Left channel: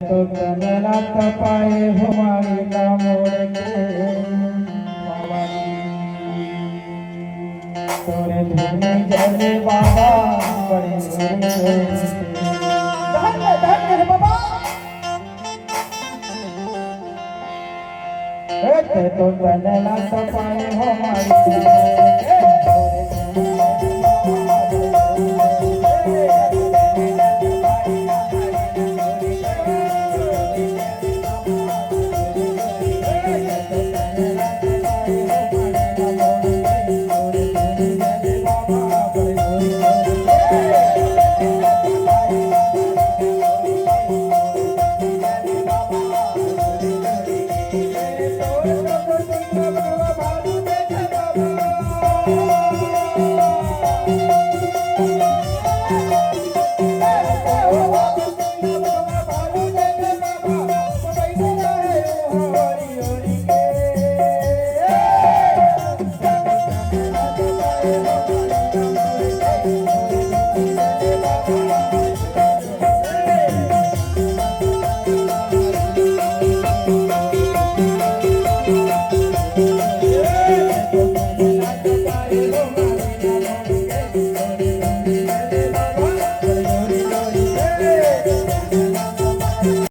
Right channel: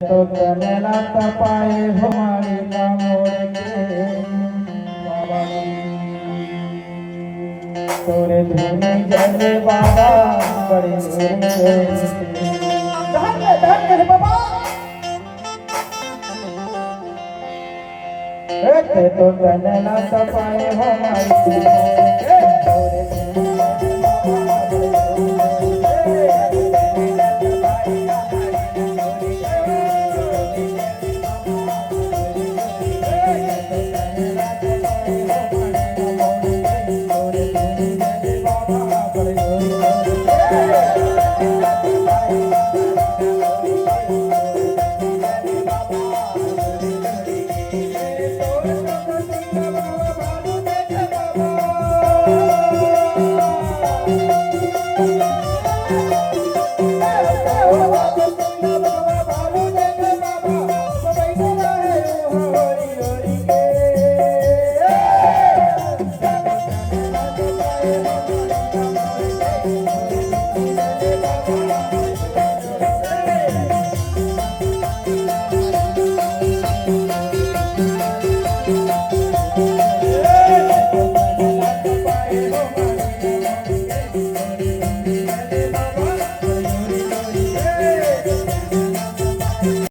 तो तनला तपाए हमारी मोड़ के तोरे धुनी जले बाबा बड़े धन्य बाबा तो तनला तपाए हमारी